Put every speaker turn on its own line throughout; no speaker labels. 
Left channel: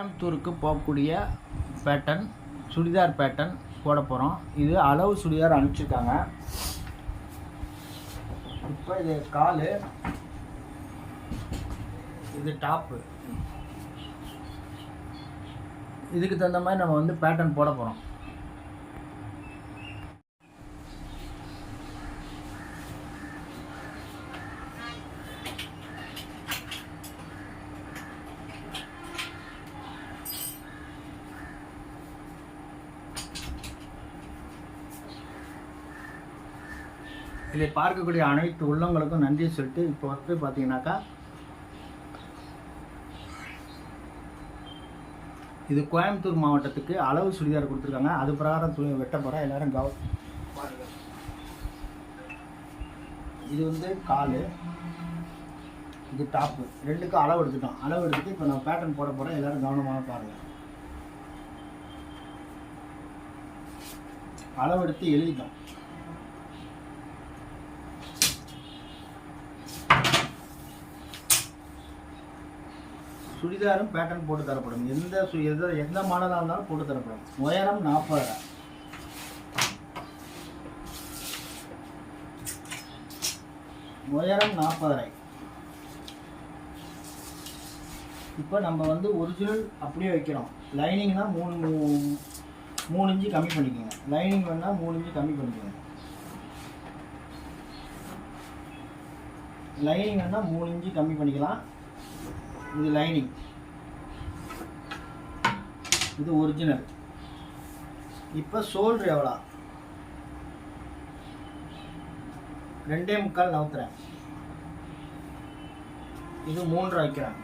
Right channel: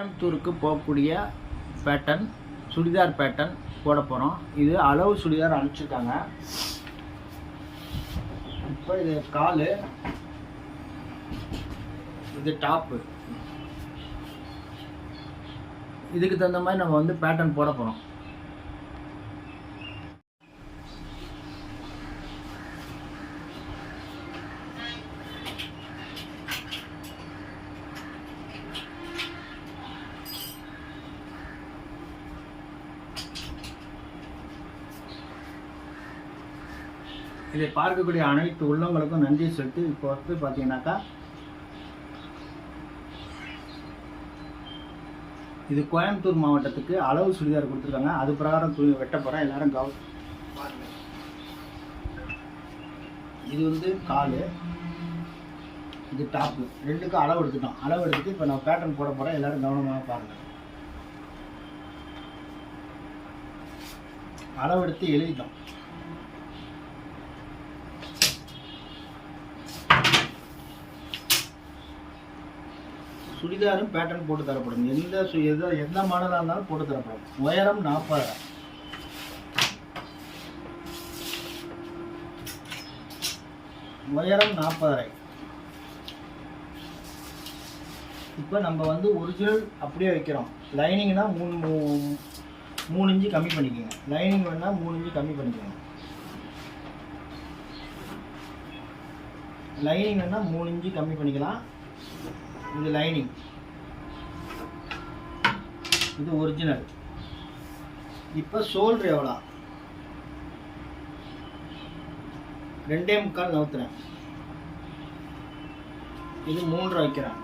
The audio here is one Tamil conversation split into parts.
கோயம்புத்தூருக்கு போகக்கூடிய பேட்டர்ன் சுடிதார் பேட்டர்ன் போட போகிறோம் இது அளவு சுடிதார் அனுப்பிச்சிருக்காங்க. இப்போ இது காலு இது டாப்பு இதுக்கு தகுந்த மாதிரி நம்ம வந்து பேட்டர்ன் போட போகிறோம் இதை பார்க்கக்கூடிய அனைத்து உள்ளவங்களுக்கும் நன்றி சொல்லிட்டு இப்போ வந்து பார்த்தீங்கன்னாக்கா இது கோயம்புத்தூர் மாவட்டத்துக்கு அளவு சுடிதார் கொடுத்துருக்காங்க. அது பிரகாரம் துணி வெட்ட போகிறேன் எல்லோரும் கவ இது வந்து காலு. இது டாப்பு ரெண்டுக்கும் அளவு எடுத்துட்டோம். அளவு எடுத்துட்டு இப்போ நான் பேட்டர்ன் போட போகிறேன் எல்லாரும் கவனமாக பாருங்கள் அளவு எடுத்து எழுதிட்டோம். சுடிதாரும் பேட்டர்ன் போட்டு தரப்படும். எந்த சு எந்த எந்த மாடலாக இருந்தாலும் போட்டு தரப்படும். உயரம் நாற்பது உயரம் நாற்பதரை இப்போ நம்ம வந்து ஒரிஜினல் அப்படியே வைக்கிறோம். லைனிங்னா மூணு மூ- மூணு இன்ச்சு கம்மி பண்ணிக்கோங்க. லைனிங் வேணால் மூணு இன்ச்சு கம்மி பண்ணிக்கோங்க. லைனிங் வேணால் மூணு இன்ச்சு கம்மி பண்ணிக்கலாம். இது லைனிங் இது ஒரிஜினல் இப்போ ஷோல்டர் எவ்வளோ? ரெண்டே முக்கால் நவுத்துறேன். இது மூன்று வைக்கிறேன்.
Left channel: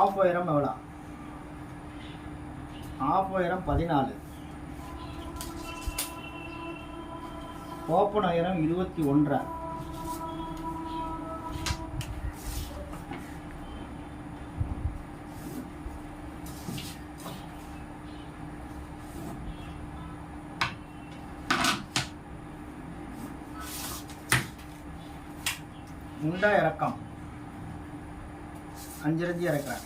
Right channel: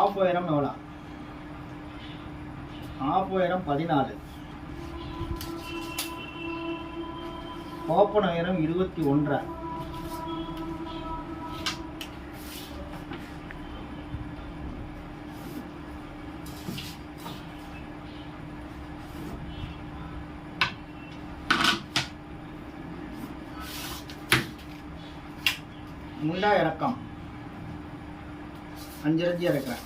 ஆஃப் உயரம் எவ்வளோ? ஆஃப் உயரம் பதினாலு. ஓப்பன் ஆயிரம் இருபத்தி ஒன்றா முண்டா இறக்கம். அஞ்சு ரஞ்சி இறக்குறேன்.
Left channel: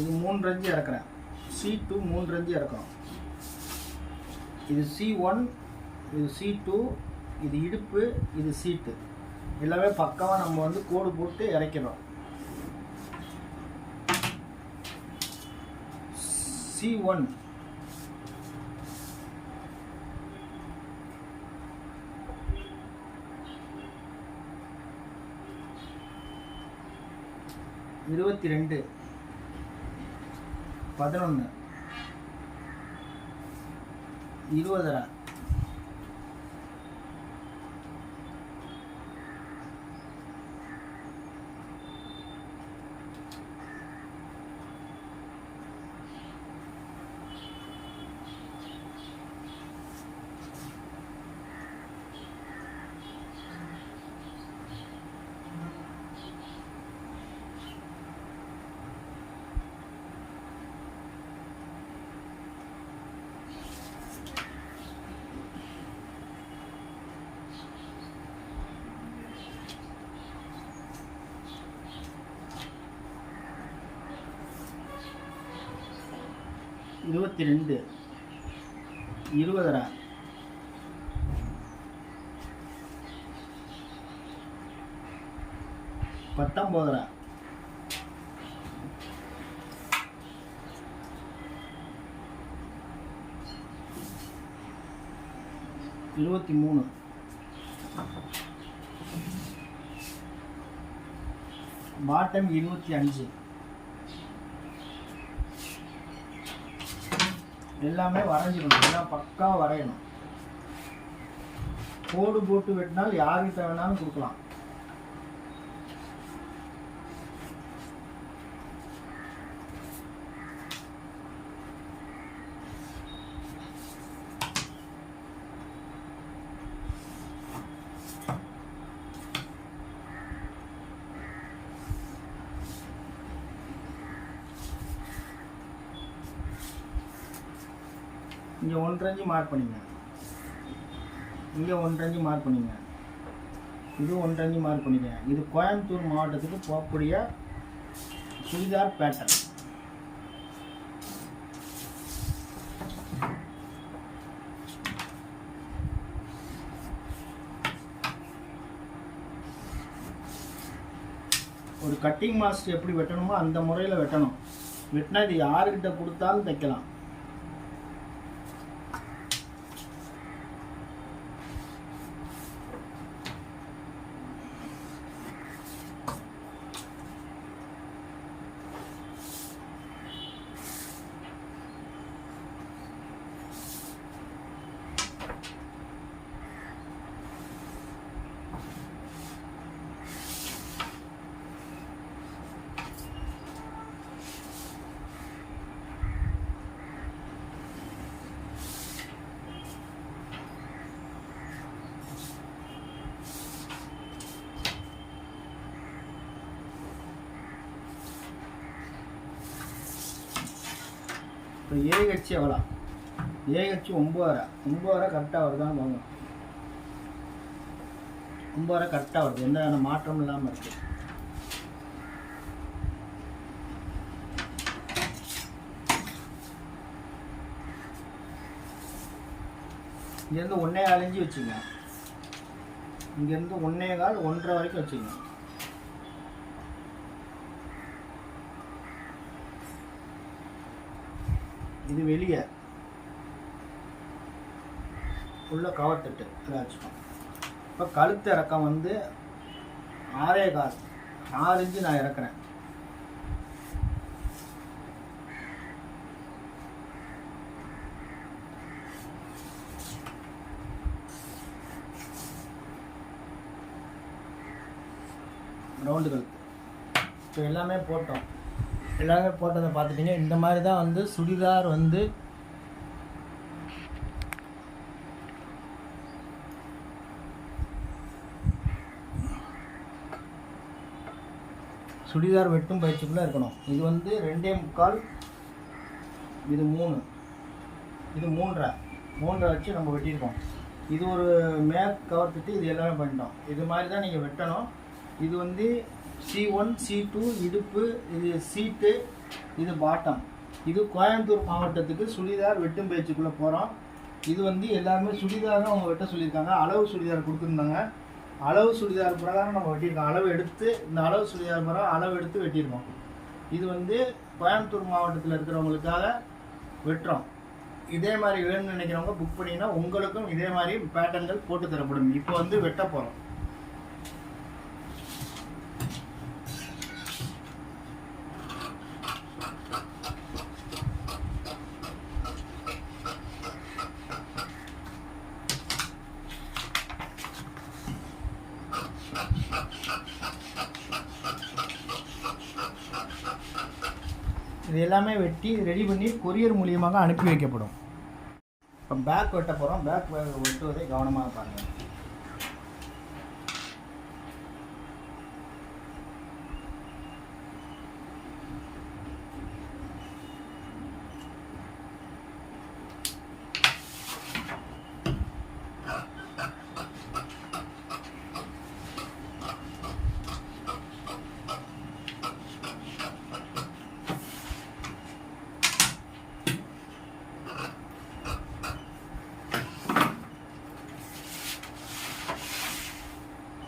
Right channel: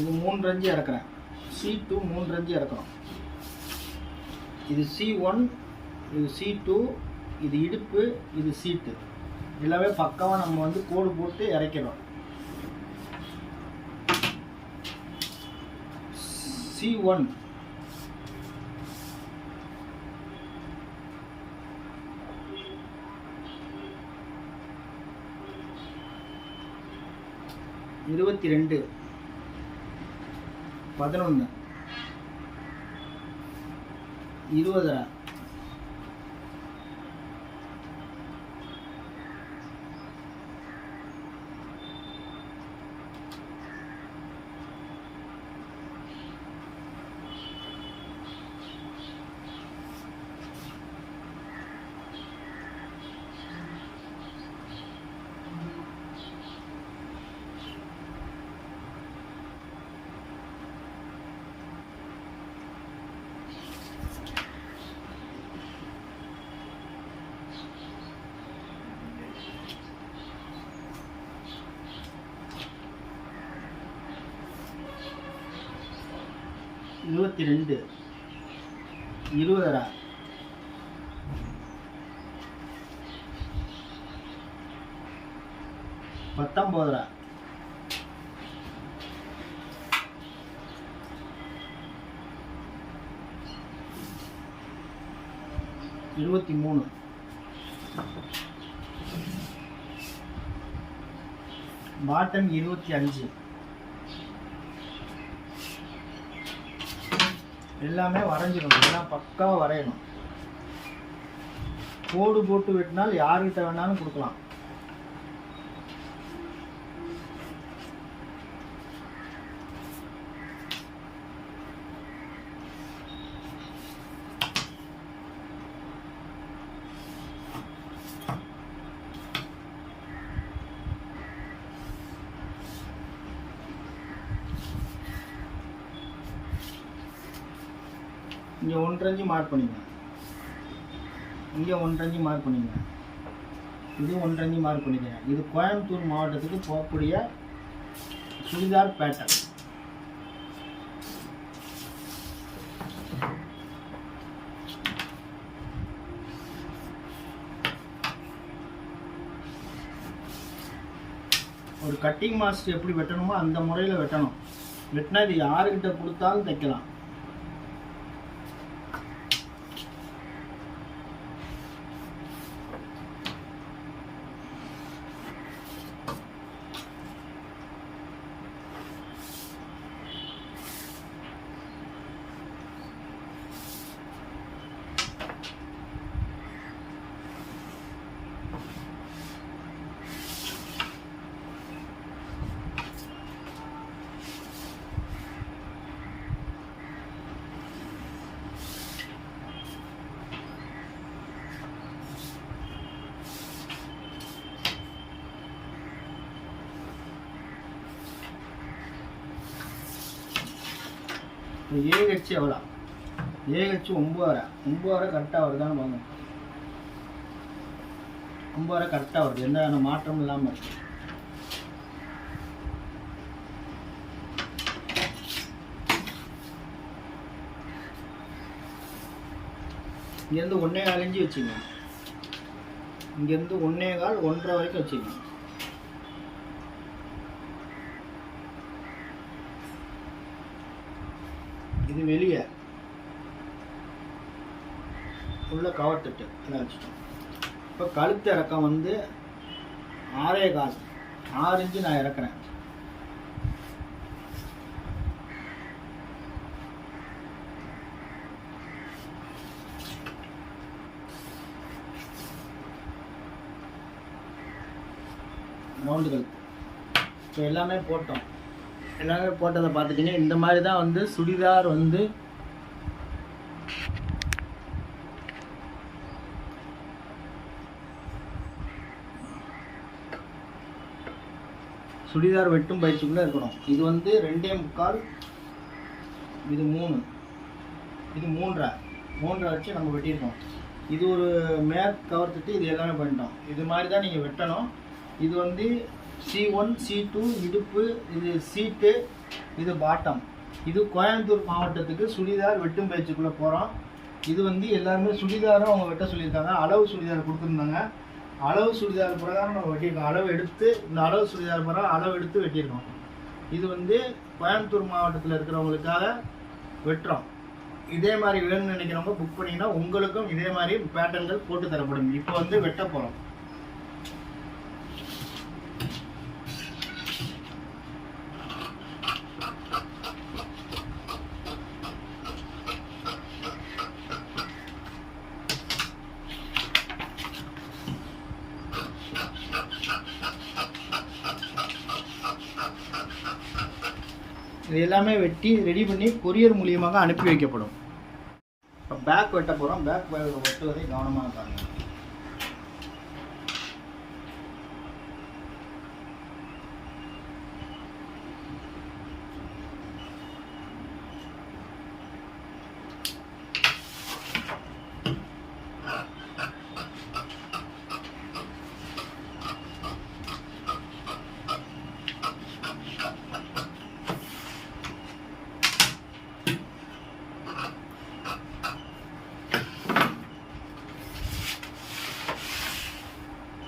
இது மூன்று அஞ்சு இறக்குறேன். சி டூ மூன்று அஞ்சு இறக்குறோம். இது சி ஒன் இது சி டூ இது இடுப்பு இது சீட்டு எல்லாமே பக்காவாக நம்ம வந்து கோடு போட்டு இறக்கிறோம் சி ஒன் இருபத்தி ரெண்டு. பதினொன்று இருபதரை? இருபத்தி ரெண்டு இருபதரா? பத்தொம்போதரா? இருபத்தி மூணு பாட்டம் இருபத்தி அஞ்சு எல்லாமே வரைஞ்சிடணும். எல்லாம் பக்காவாக வரையணும். கோடு போட்டு வெட்டினால் யார்கிட்ட வேணாலும் கொடுக்கலாம். ஒன்றஞ்சு மார்க் பண்ணிங்க. இங்கே ஒன்றஞ்சு மார்க் பண்ணிங்க. இது ஒன்றஞ்சு மார்க் பண்ணிக்கங்க இது கோயம்புத்தூர் மாவட்டத்துக்கு போகக்கூடிய சுடிதார் பேட்டர்ன் ஒரு கட்டிங் மாஸ்டர் எப்படி வெட்டணுமோ அந்த முறையில் வெட்டணும். வெட்டினா இது யாருக்கிட்ட கொடுத்தாலும் தைக்கலாம். இப்போ ஏஹெச் எவ்வளோ ஏஹெச் ஒம்பதரை ஒம்பதரை கரெக்டாக வருதான்னு வாங்க ஒம்பதரை கரெக்டாக வருது. எந்த விதமான மாற்றமும் இல்லாமல் இருக்குது இங்கேருந்து ஒன்றே கால் இன்ச்சு வச்சுங்க. இங்கேருந்து ஒன்றே கால் ஒன்றரை வரைக்கும் வச்சுங்க. இது வெளியே. உள்ள கவர் தட்டு. இதை இப்போ கழுத்து இறக்கம் வந்து ஆறே காசு ஆறு இன்ச்சு நான் இறக்குறேன். ரவுண்டு கழுத்து. இப்போ எல்லாமே போட்டோம். எல்லாமே போட்டதை பார்த்துட்டீங்க? இந்த மாதிரி தான் வந்து சுடிதார் வந்து சுடிதார் வெட்டும் பயிற்சிக்குள்ளே இருக்கணும். இது வந்து ரெண்டே முக்கால் இது மூணு. இது மூன்றரை. மூன்றரை வச்சு நம்ம வெட்டியிருக்கோம். இது ஒரு மேற் கவர்த்துட்டு இது எல்லாமே பண்ணிட்டோம். இது மாதிரி தான் நீங்கள் வெட்டணும். இது வந்து சி ஒன் சி டூ இடுப்பு இது சீட்டு இது பாட்டம் இது கோயம்புத்தூர் மாவட்டத்துக்கு சுடிதார் வெட்டும் பயிற்சிக்குள்ளே போகிறோம் இது வந்து எல்லாருமே சுடிதாரும் அவங்க வெட்ட சொல்லியிருக்காங்க. அளவு சுடிதார் கொடுத்துருந்தாங்க. அளவு சுடிதார் பிரகாரம் நம்ம வெட்டியிருக்கோம். அளவு எடுத்து இந்த அளவு சுடிதார் பிரகாரம் அளவு எடுத்து வெட்டியிருக்கோம். இது வந்து கோயம்புத்தூர் மாவட்டத்தில் இருக்கிறவங்களுக்காக வெட்டுறோம். இதே மாதிரி வேணும்னு நினைக்கிறவங்க புக் பண்ணிங்கன்னா உங்களுக்கும் இதே மாதிரி பேட்டர்ன்கள் போட்டு தரப்படும். இப்போ வந்து வெட்ட போகிறோம் இது எல்லாமே வெட்டி ரெடி பண்ணி கொரியர் மூலியமாக அனுப்பி வைக்கப்படும். இப்போ பேக் வெட்ட போகிறோம் பேக் வெட்டுவதை கவனமாக பாருங்கள்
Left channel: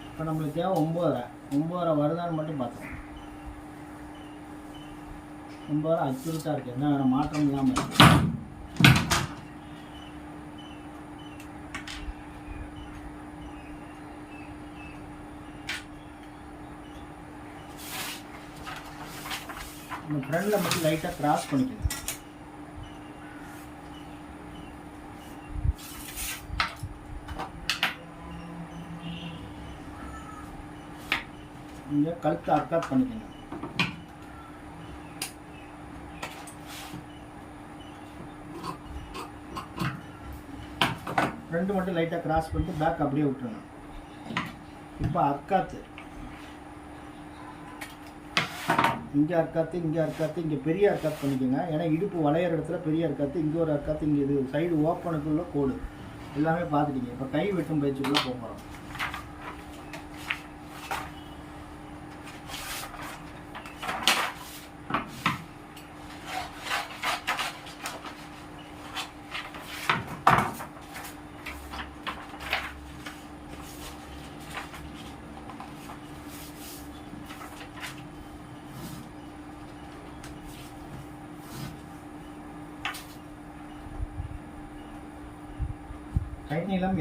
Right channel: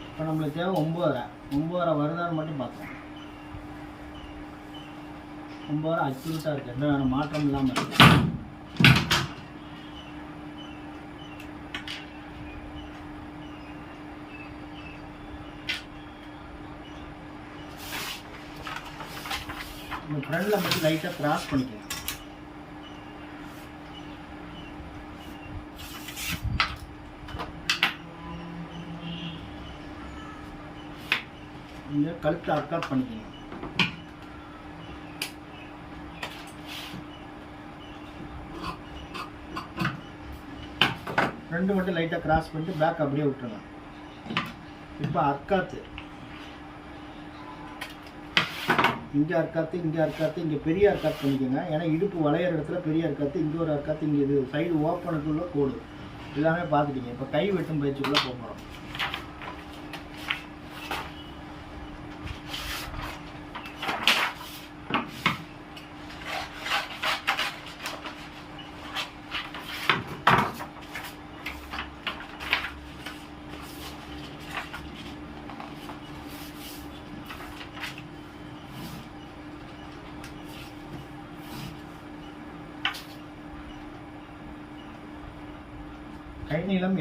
இப்போ நம்மளுக்கு தேவை ஒம்பதரை. ஒம்பதரை வருதான்னு மட்டும் பார்த்தோம் ஒம்பதரை அச்சுறுத்தாக இருக்குது என்ன வேணும்? மாற்றம் இல்லாமல் இருக்கு. உங்கள் ஃப்ரெண்டில் மட்டும் லைட்டாக கிராஸ் பண்ணிக்கணும் இங்கே கழுத்தை அர்க்காப் பண்ணிக்கணும் ரெண்டு மட்டும் லைட்டாக கிராஸ் பண்ணிட்டு பேக் அப்படியே விட்டுருங்க. இப்போ அர்க்காத்து. இங்கே அர்க்காத்து இங்கே அர்க்காத்து இங்கே பெரிய அர்க்காத் பண்ணிக்கோங்க. ஏன்னா இடுப்பு வளையிற இடத்துல பெரிய அர்க்காத்து இங்கே ஒரு அர்க்காத்து இங்கே இது சைடு ஓப்பனுக்குள்ளே கோடு. எல்லாமே பார்த்துட்டீங்க. இப்போ கை வெட்டும் பயிற்சிக்குள்ளே போக போகிறோம் கை நீளம்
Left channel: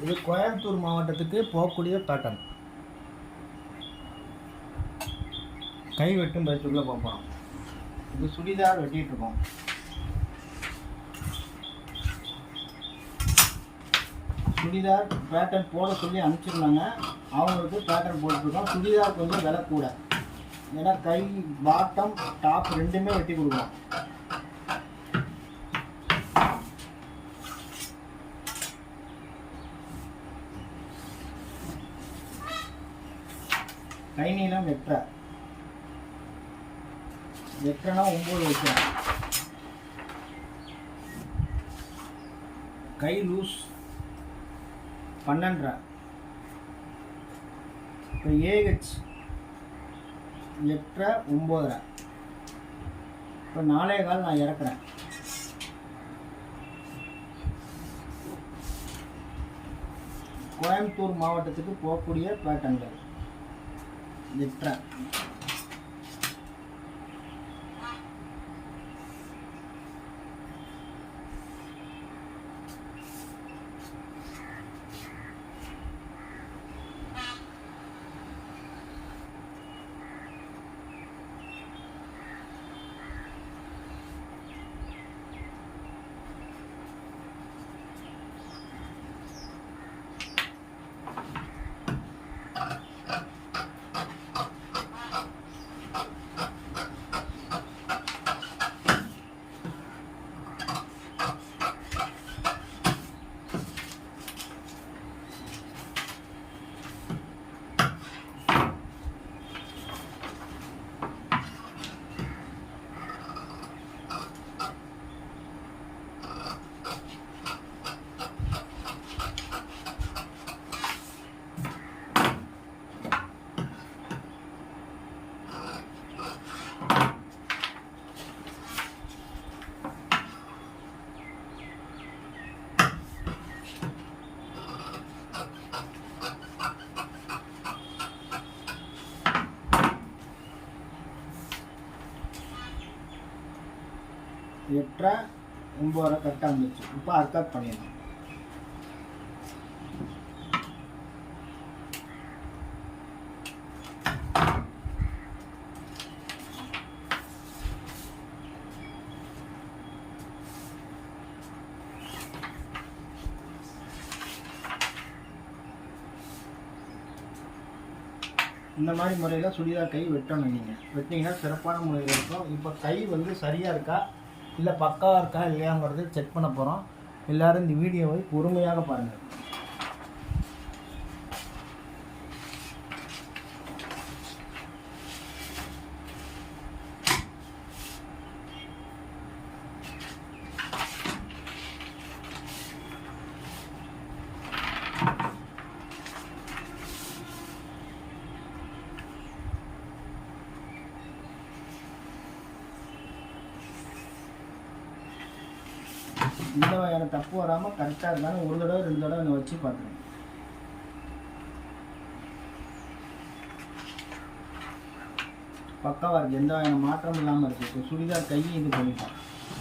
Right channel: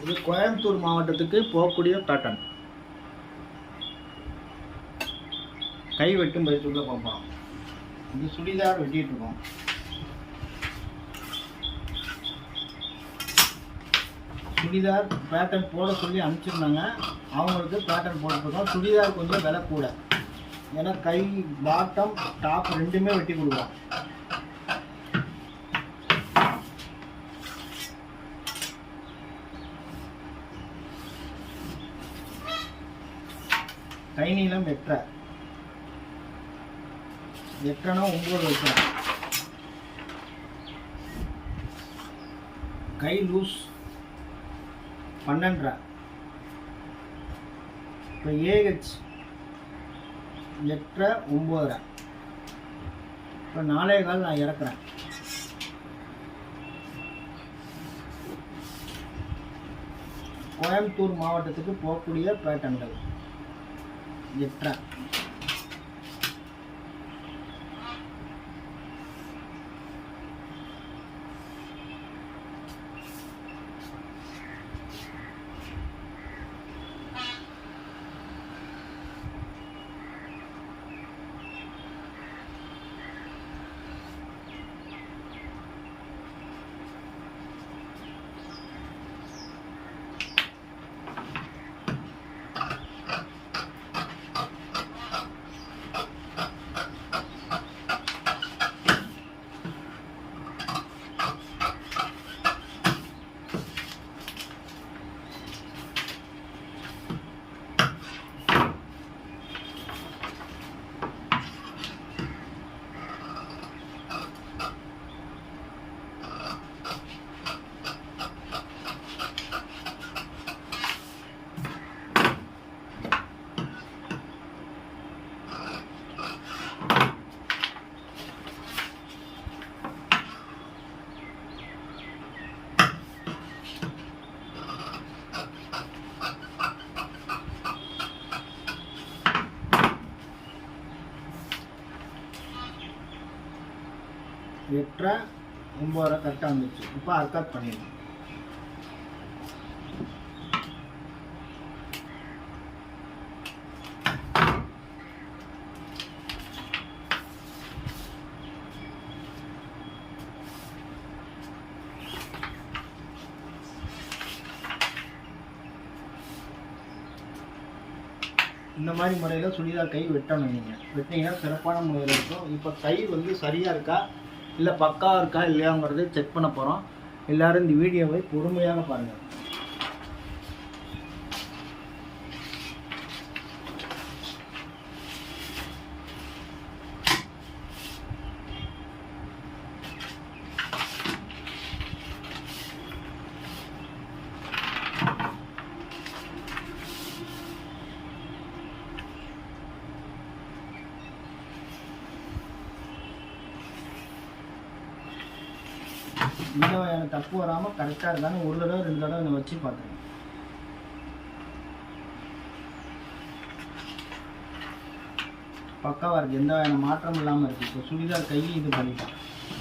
இது கோயம்புத்தூர் மாவட்டத்துக்கு போகக்கூடிய பேட்டர்ன் கை வெட்டும் பயிற்சிக்குள்ளே போகிறோம் இது சுடிதார் வெட்டிகிட்டு இருக்கோம். சுடிதார் பேட்டர்ன் போட சொல்லி அனுப்பிச்சிருந்தாங்க. அவங்களுக்கு பேட்டர்ன் போட்டுருக்கோம் சுடிதார் கொஞ்சம் விலை கூட. ஏன்னா கை பாட்டம் டாப் ரெண்டுமே வெட்டி கொடுக்குறோம். கை நீளம் எட்டரை. எட்டரைனா ஒம்பது வைக்கிறோம் கை லூஸ் பன்னெண்டரை. இப்போ ஏஹெச் எட்டரை ஒம்போதரை. இப்போ நாலே கால் நான் இறக்குறேன். கோயம்புத்தூர் மாவட்டத்துக்கு போகக்கூடிய பேட்டன்கள் எட்டரை. எட்டரை ஒம்பதரை கரெக்டாக வந்துடுச்சு இப்போ அர்க்காத் பண்ணிடலாம். இந்த மாதிரி முறையில் சுடிதார் கை வெட்டணும் நீங்கள் வெட்டிங்கன்னா சிறப்பான முறையில் இருக்கும். இப்போ கை வந்து சரியாக இருக்கா? இல்லை பக்காவாக இருக்கா இல்லையாங்கிறத செக் பண்ண போகிறோம் எல்லாரும் இந்த வீடியோவை பொறுமையாக பாருங்கள் இந்த வகையான தப்பு வராமல் கரெக்டாக இருந்தாலும் ஒரு தடவை ரெண்டு தடவை வச்சு பார்க்குறேன் பக்காவாக இருக்குது எந்த வகையான மாற்றம் இல்லாமல் இருக்குது இப்போ சுடிதார் கையை இது பண்ணிட்டேன்.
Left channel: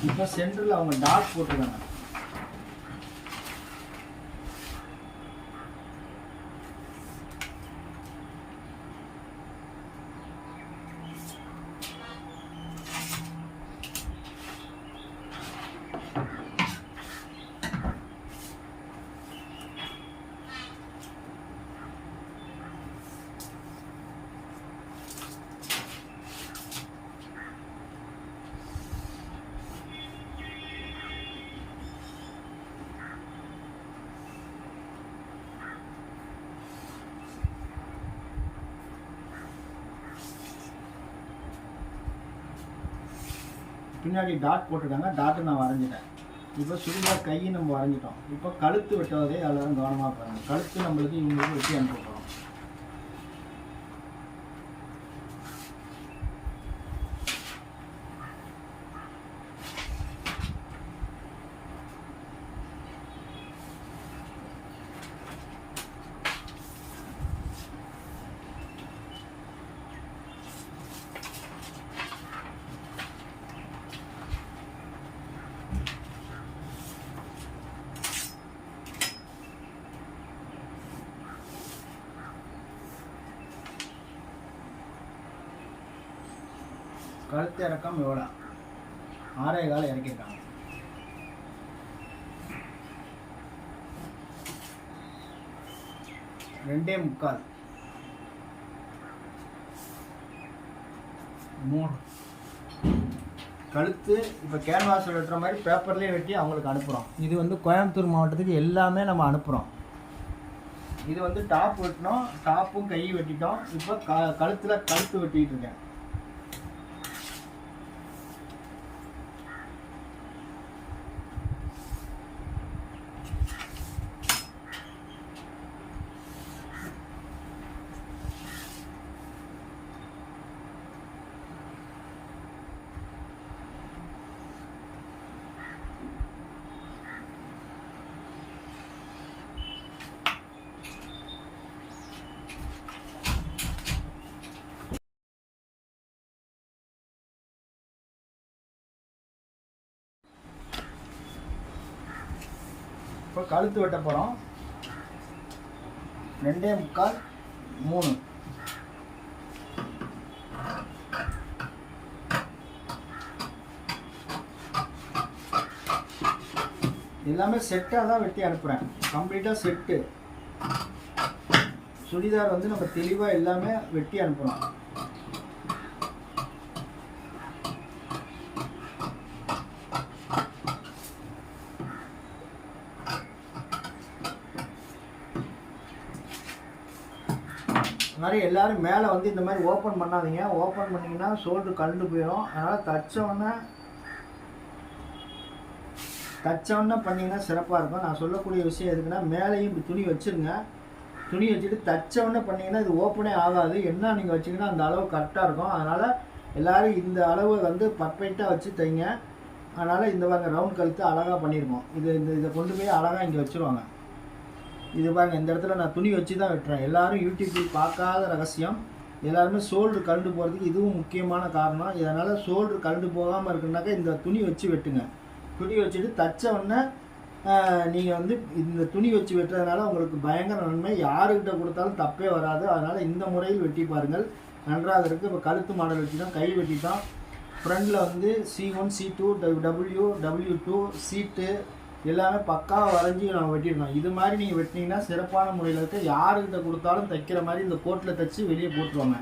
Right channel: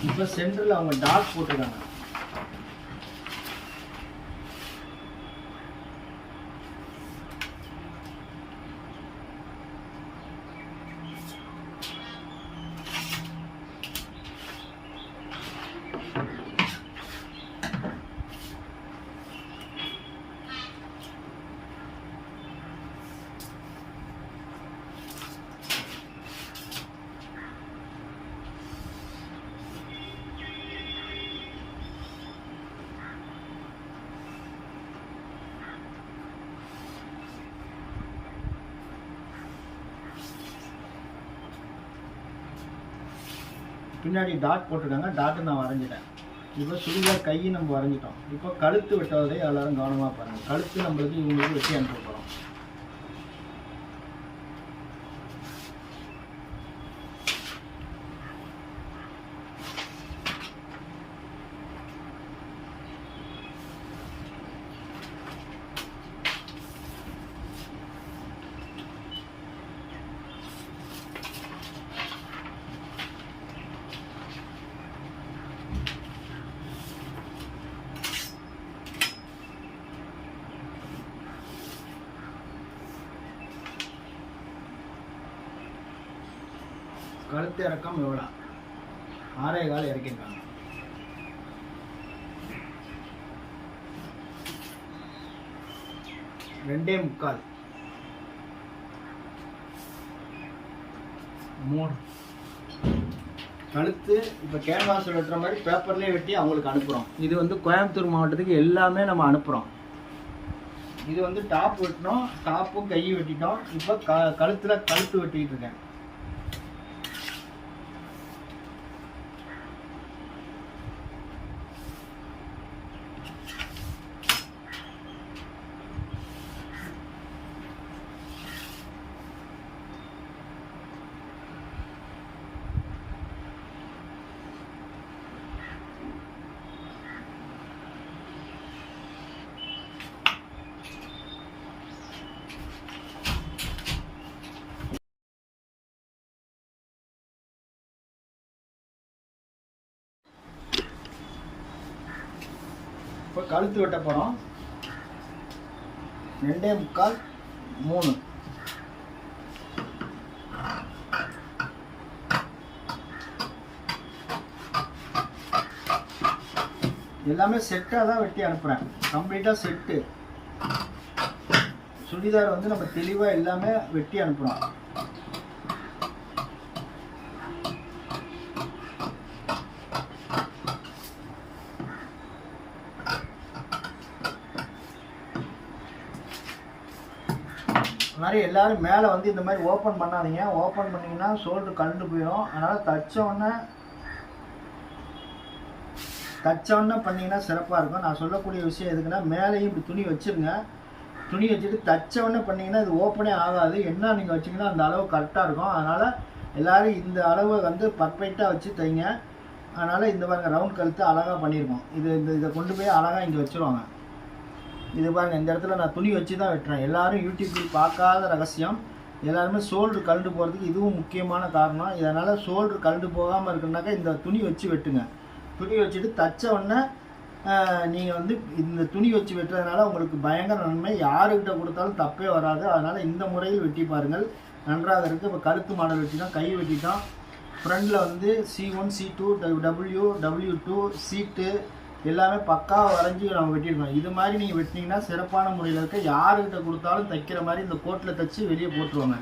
இப்போ சென்டரில் அவங்க டாட் போட்டிருக்காங்க. பின்னாடி டாட் போட்டிருக்காங்க. டாட்டு நான் வரைஞ்சிட்டேன். இப்போ சுடிதார் கையை நம்ம வரைஞ்சிட்டோம். இப்போ கழுத்து வெட்டுவதை எல்லோரும் கவனமாக பாருங்கள் கழுத்து நம்மளுக்கு இவங்களுக்கு வெட்டி அனுப்பும் போகிறோம் கழுத்து இறக்கம் எவ்வளோ? ஆறே கால் இறக்கியிருக்காங்க. ரெண்டே முக்கால். மூணு. கழுத்து இப்போ கேன்வாஸ் வெட்டுற மாதிரி பேப்பர்லேயே வெட்டி அவங்களுக்கு அனுப்புகிறோம் இது வந்து கோயம்புத்தூர் மாவட்டத்துக்கு எல்லாமே நம்ம அனுப்புகிறோம் இது வந்து டாப் வெட்டினோம் டாப்பும் கையும் வெட்டிட்டோம். இப்போ க கழுத்தில் கழுத்து வெட்டிக்கிட்டு இருக்கேன். இப்போ கழுத்து வெட்ட போகிறோம் ரெண்டே முக்கால் மூணு. எல்லாமே செட்டாக தான் வெட்டி அனுப்புகிறேன் கம்ப்ளீட்டாக செட்டு சுடிதார் வந்து நம்ம தெளிவாக எல்லாமே வெட்டி அனுப்புகிறோம் அதனால் எல்லோரும் எல்லாரும் மேலே வந்து இந்த மாதிரி ஓப்பன் பண்ணாதீங்க. ஓப்பன் பண்ணிங்கன்னா ஷோல்டர் கண்டு போயிடும். அதனால் தச்ச உடனே பண்ணிங்கன்னா சிறப்பாக இருக்கும். நான் சொல்லக்கூடிய விஷயம் எதுக்குன்னா மேலேயும் இப்படி துணி வச்சுருங்க. துணி வச்சுட்டு தச்ச பண்ணிங்கன்னா இது ஓப்பனே ஆகாது. என்ன நீங்கள் வச்சிங்கன்னா அந்த அளவு கரெக்டாக இருக்கும். அதனால் எல்லோரும் இந்த அளவை வந்து பர்ஃபெக்டாக வச்சு தைங்க. அதனால் இந்த பாருங்க ரவுண்ட் கழுத்து அழகாக பண்ணியிருக்கோம் இது இந்த இதை கொண்டு போய் அழகாக இங்கே வச்சுருவாங்க. இது பாருங்கள் இந்த இடத்துல நான் துணி வச்சு தான் வெட்டுறேன். எல்லாரும் யூடியூப்பில் பார்க்காத ரகசியம். எல்லாருமே சோல்டு கழண்டு போகிறதுக்கு இதுவும் முக்கியமான காரணம். இதனால் சோல்டு கழண்டு போகாமல் இருக்குனாக்கா இந்த துணி வச்சு வெட்டுங்க. துணி வச்சுட்டு தச்ச உடனே நீங்கள் வந்து இந்த துணி வச்சு வெட்டுறதுனால உங்களுக்கு பயங்கர நன்மை. யாருக்கிட்ட கொடுத்தாலும் தப்பே வராது. அதனால் இந்த முறையில் வெட்டி பாருங்கள். நன்றாக இருக்குது இப்போ கழுத்து மாடல் வெட்டிட்டோம் கை வெட்டிட்டோம். ஃப்ரண்டில் வந்து C one C two W W two சீட்டு எல்லாமே பக்காவாக வரைஞ்சி நம்ம வெட்டியிருக்கோம் இது மாதிரி நீங்கள் வெட்டினீங்கன்னா சிறப்பான முறையில் இருக்க யாருக்கிட்ட கொடுத்தாலும் தைக்கிற மாதிரி இந்த கோட்டில் தைச்சி வெளியே போட்டுருவாங்க.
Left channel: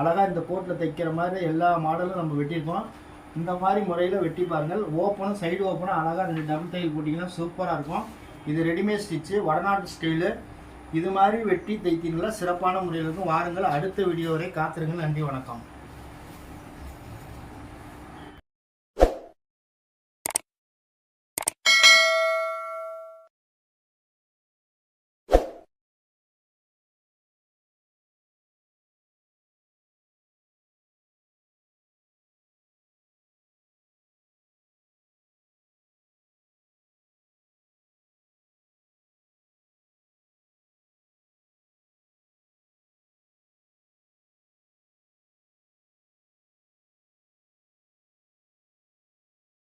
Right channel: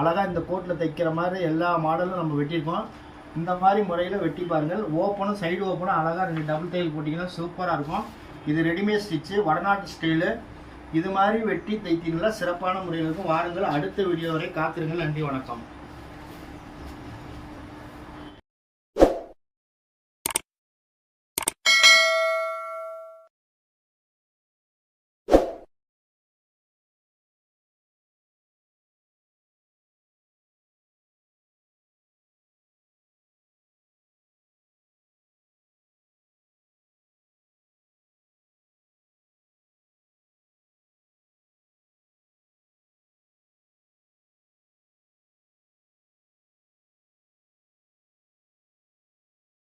அழகாக இந்த கோட்டில் தைக்கிற மாதிரி எல்லா மாடலும் நம்ம வெட்டியிருக்கோம். இந்த மாதிரி முறையில் வெட்டி பாருங்கள். ஓப்பனும் சைடு ஓப்பனும் அழகாக நீங்கள் டபுள் தையல் போட்டிங்கன்னா சூப்பராக இருக்கும். இது ரெடிமேட் ஸ்டிச்சு வடநாட்டு ஸ்டைலு இது மாதிரி வெட்டி தைத்தீங்கன்னா சிறப்பான முறையில் இருக்கும். வாருங்கள். அடுத்த வீடியோ வரை காத்திருங்கள். நன்றி வணக்கம்.